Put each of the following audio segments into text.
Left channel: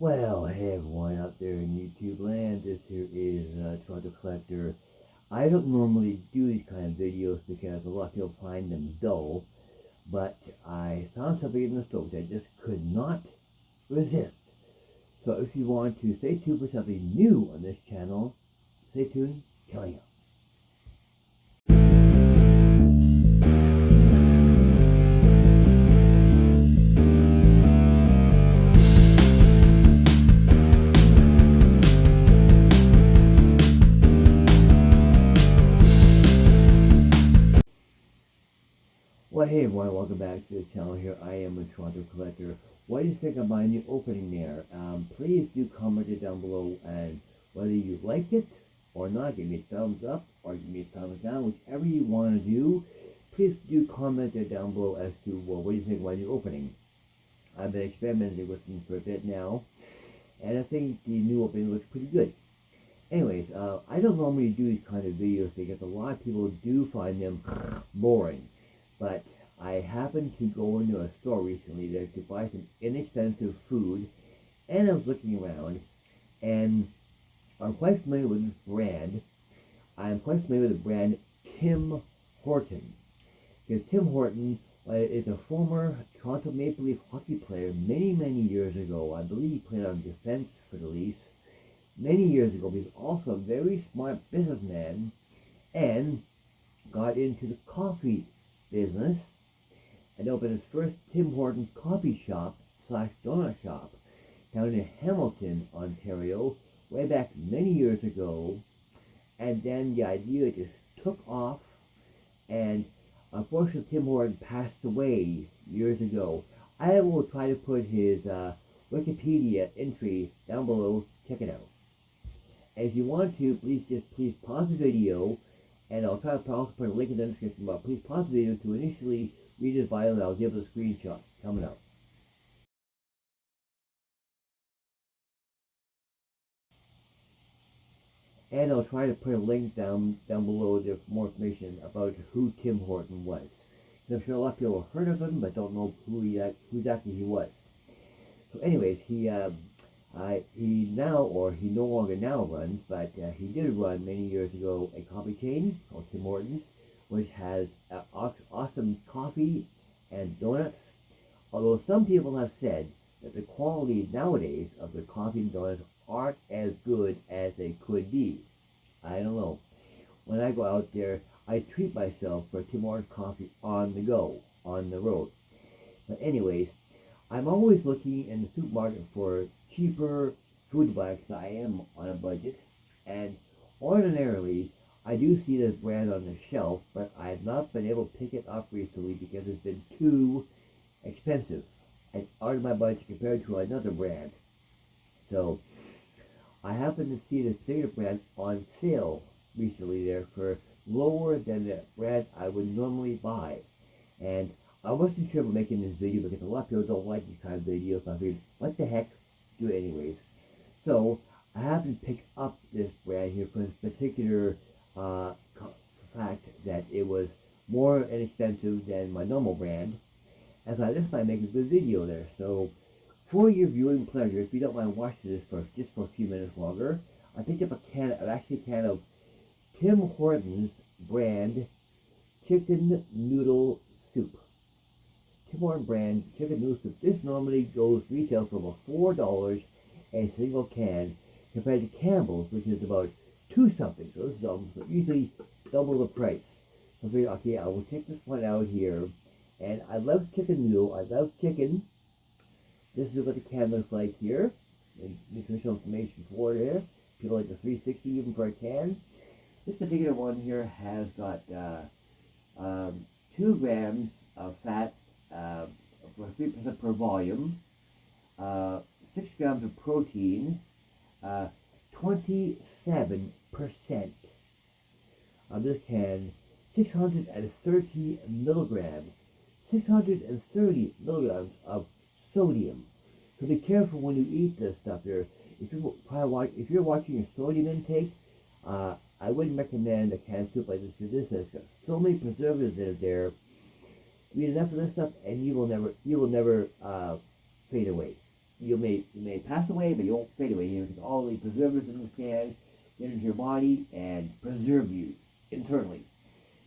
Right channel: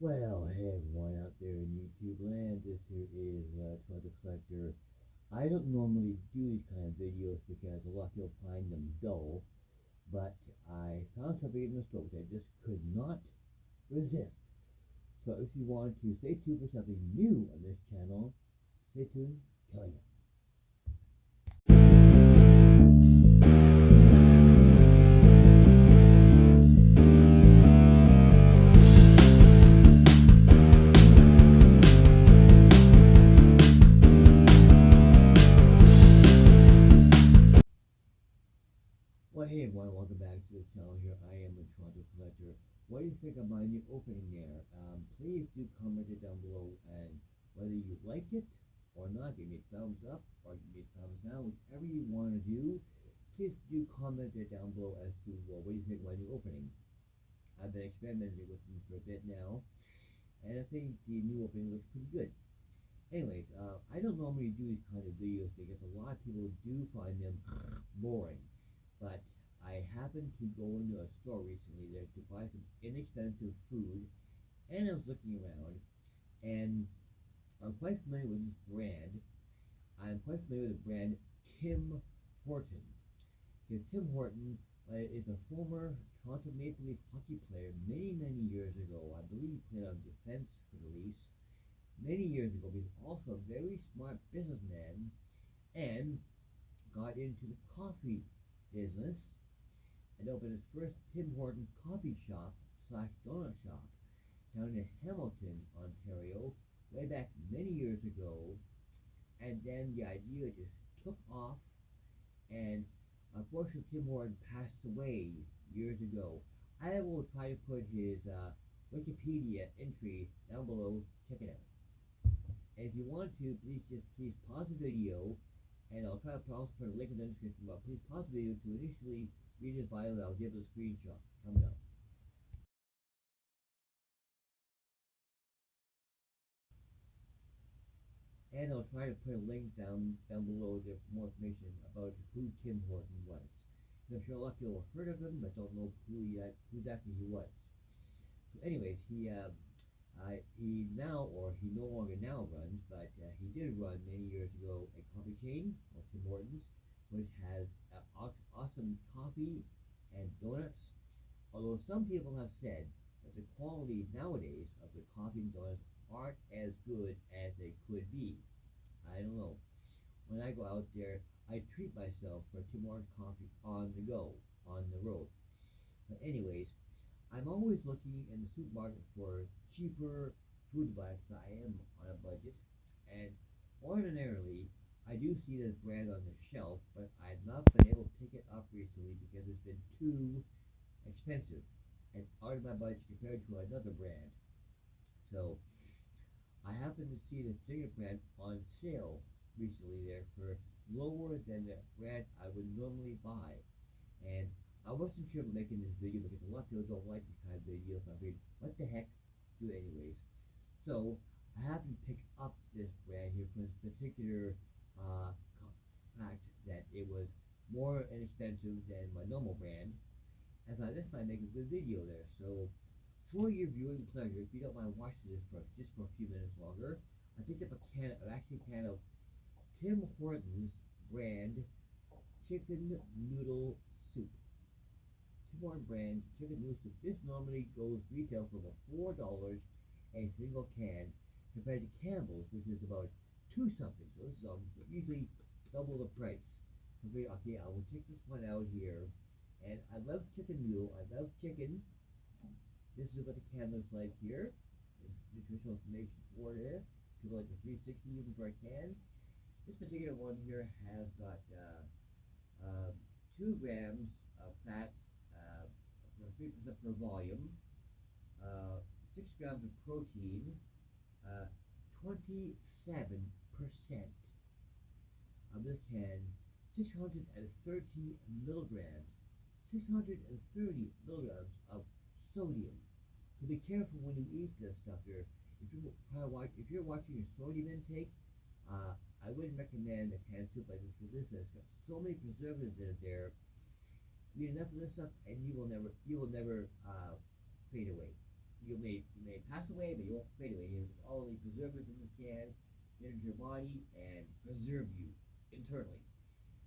Well, hey everyone out there in YouTube land, this here is Toronto Collector. I don't normally do these kind of videos because a lot of people find them dull, but I found something in the store which I just could not resist. So if you want to stay tuned for something new on this channel, stay tuned, coming up. Well, hey everyone, welcome back to the channel here. I am a Toronto Collector. What do you think of my new opening there? Please do comment it down below, and whether you liked it or not, give me a thumbs up or give me a thumbs down, whichever you want to do. Please do comment it down below as to, well, what do you think of my new opening? I've been experimenting with them for a bit now, and I think the new opening looks pretty good. Anyways, I don't normally do these kind of videos because a lot of people do find them boring. But I happened to go into a store recently there to buy some inexpensive food, and I was looking around, and I'm quite familiar with this brand. I'm quite familiar with the brand Tim Horton. Because Tim Horton is a former Toronto Maple Leaf hockey player many, many years ago. I believe he played on defense for the Leafs many years ago. He's also a very smart businessman and got into the coffee business and opened his first Tim Hortons coffee shop slash donut shop down in Hamilton, Ontario, way back many years ago. And then the idea just took off, and unfortunately Tim Hortons passed away years ago. I will try to put his Wikipedia entry down below. Check it out. And if you want to, please pause the video, and I'll try to also put a link in the description, but please pause the video to initially read his bio, and I'll give the screenshot coming up. And I'll try to put a link down below there for more information about who Tim Horton was. I'm sure a lot of people have heard of him, but don't know who exactly he was. So anyways, he no longer now runs, but he did run many years ago a coffee chain called Tim Hortons, which has awesome coffee and donuts. Although some people have said that the quality nowadays of the coffee and donuts aren't as good as they could be. I don't know. When I go out there, I treat myself for Tim Hortons coffee on the go, on the road. But anyways, I'm always looking in the supermarket for cheaper food products. I am on a budget, and ordinarily I do see this brand on the shelf, but I have not been able to pick it up recently because it's been too expensive and out of my budget compared to another brand. So I happened to see this particular brand on sale recently there for lower than the brand I would normally buy. And I wasn't sure about making this video because a lot of people don't like these kind of videos. So I figured, what the heck, do it anyways. So I happened to pick up this brand here for this particular fact that it was more inexpensive than my normal brand. And so I just might make a good video there. So for your viewing pleasure, if you don't mind watching this for just for a few minutes longer, I picked up a can of Tim Hortons brand chicken noodle soup. Tim Hortons brand chicken noodle soup. This normally goes retail for about $4 a single can, compared to Campbell's, which is about two something. So this is usually double the price. So I figured, okay, I will check this one out here. And I love chicken noodle. I love chicken. This is what the can looks like here. And nutritional information for there. People like the 360 even for a can. This particular one here has got 2 grams of fat, 3% per volume, 6 grams of protein, 27% of this can, 630 milligrams, 630 milligrams of sodium. So be careful when you eat this stuff here. If you're watching your sodium intake, I wouldn't recommend a canned soup like this because this has got so many preservatives in there. You eat enough of this stuff, and you will never fade away. you may pass away, but you won't fade away. You know, all the preservatives in the can get into your body and preserve you internally.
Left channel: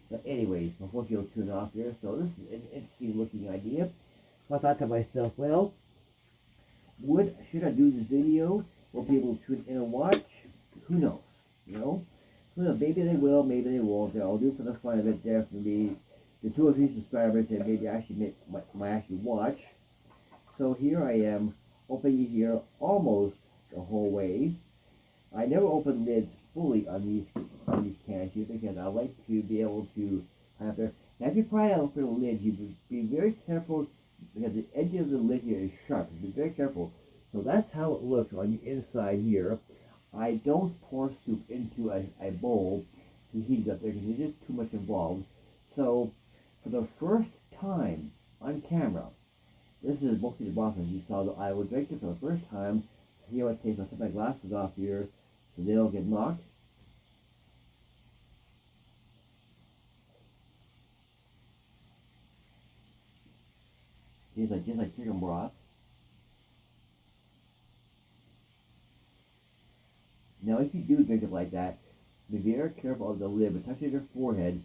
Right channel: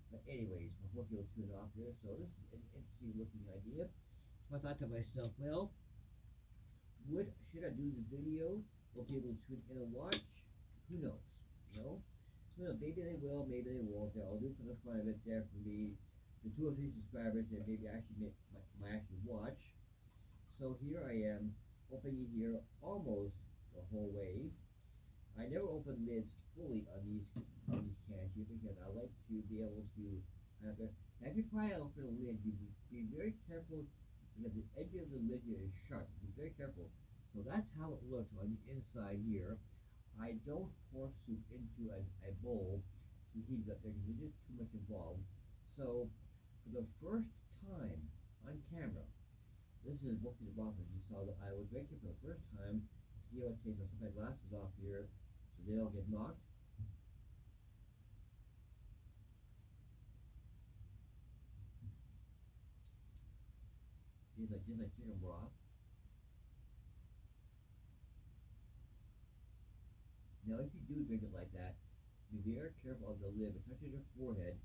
But anyways, before you tune off here, so this is an interesting looking idea. So I thought to myself, well, should I do this video? Will people tune in and watch? Who knows? You know? Who knows? Maybe they will, maybe they won't. I'll do for the fun of it there for the 2 or 3 subscribers that maybe actually might actually watch. So here I am, opening here almost the whole way. I never open lids fully on these cans here because I like to be able to have there. Now if you try to open a lid, you be very careful because the edge of the lid here is sharp. Be very careful. So that's how it looks on the inside here. I don't pour soup into a bowl to heat it up there because there's just too much involved. So for the first time on camera, this is mostly the bottom. You saw that I will drink it for the first time. See how it tastes. I'll take my glasses off here so they don't get knocked. Tastes just like chicken broth. Now if you do drink it like that, be very careful of the lid. But touching your forehead,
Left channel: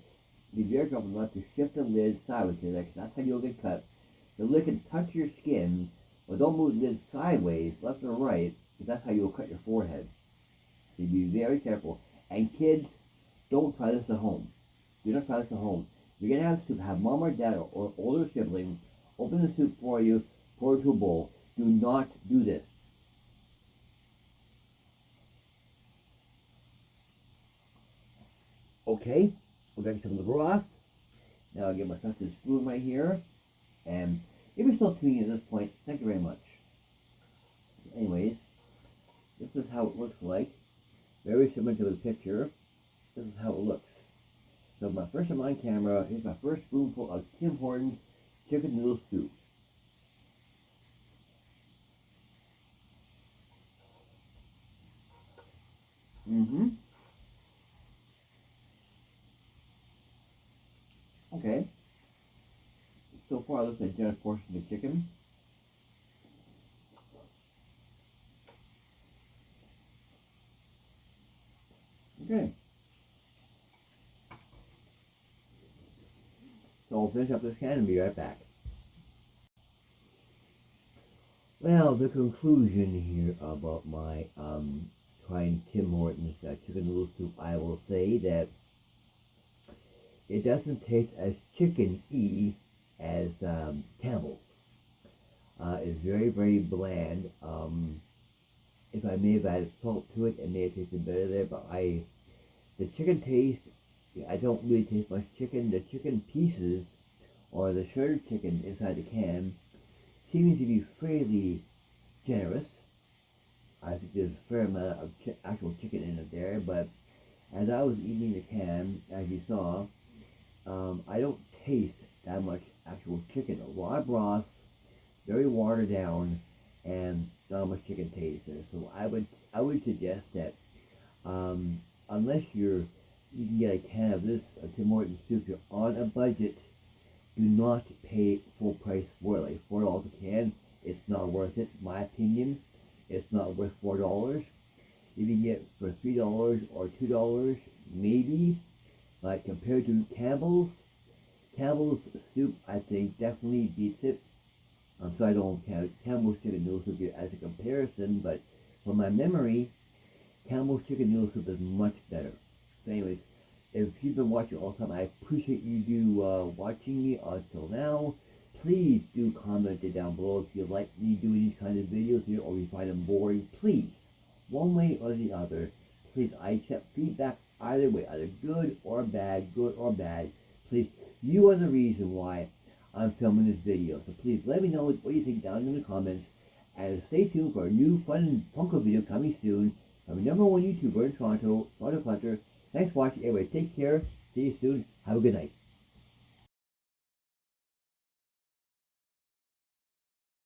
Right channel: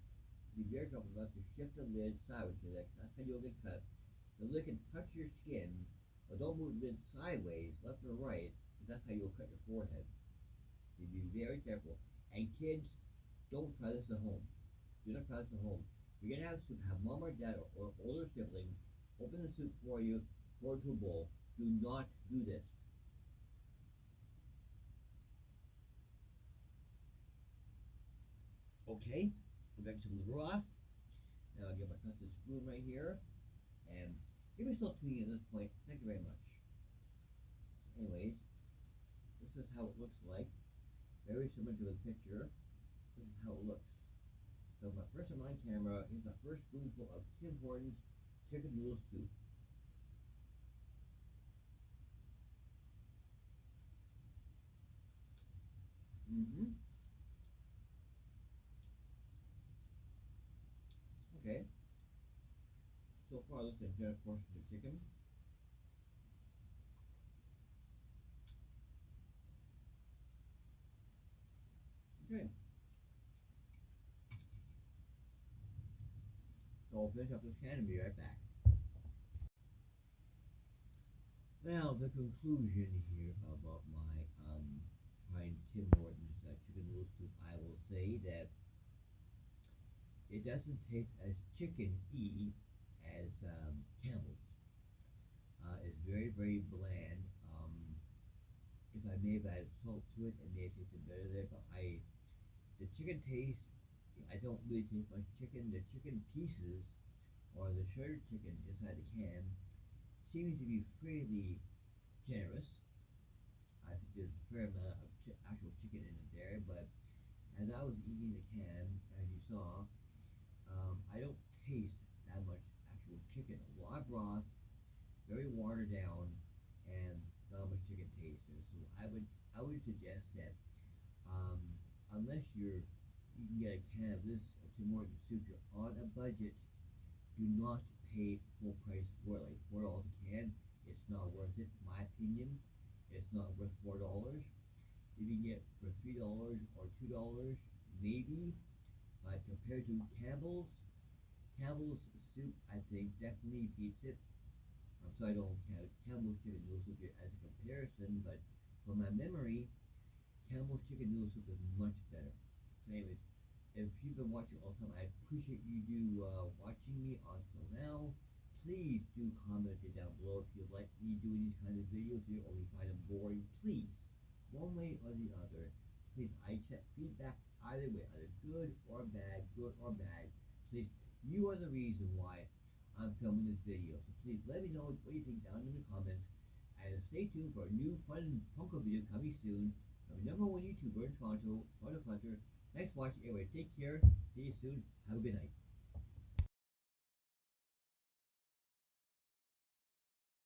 be very careful not to shift the lid sideways here. That's how you'll get cut. The lid can touch your skin, but don't move the lid sideways, left or right, because that's how you'll cut your forehead. So be very careful. And kids, don't try this at home. Do not try this at home. You're gonna have mom or dad or older sibling open the soup for you, pour it into a bowl. Do not do this. Okay, we're going to some of the broth. Now I'll get my trusted spoon right here. And if you're still tuning in at this point, thank you very much. Anyways, this is how it looks like. Very similar to the picture. This is how it looks. So my first time on camera, here's my first spoonful of Tim Hortons chicken noodle soup. Okay. So far, it looks like a generous portion of chicken. Okay. So I'll finish up this can and be right back. Well, the conclusion here about my trying Tim Hortons chicken noodle soup, I will say that it doesn't taste as chicken-y as Campbell's. It's very, very bland. If I may have added salt to it, it may have tasted better there, but the chicken taste, I don't really taste much chicken. The chicken pieces, or the shredded chicken inside the can, seems to be fairly generous. I think there's a fair amount of actual chicken in it there, but as I was eating the can, as you saw, I don't taste that much actual chicken. A lot of broth, very watered down, and not much chicken taste there. So I would suggest that unless you can get a can of this Tim Hortons soup, you're on a budget, do not pay full price for it, like $4 a can. It's not worth it, in my opinion. It's not worth $4. If you can get for $3 or $2, maybe. But compared to Campbell's soup, I think definitely beats it. So I don't count Campbell's chicken noodle soup as a comparison, but from my memory, Campbell's chicken noodle soup is much better. So anyways, if you've been watching all the time, I appreciate you watching me until now. Please do comment it down below if you like me doing these kind of videos here or you find them boring. Please, one way or the other, please, I accept feedback either way, either good or bad, Please, you are the reason why I'm filming this video. So please let me know what you think down in the comments. And stay tuned for a new fun Funko video coming soon. I'm your #1 YouTuber in Toronto, Collector. Thanks for watching. Anyway, take care. See you soon. Have a good night.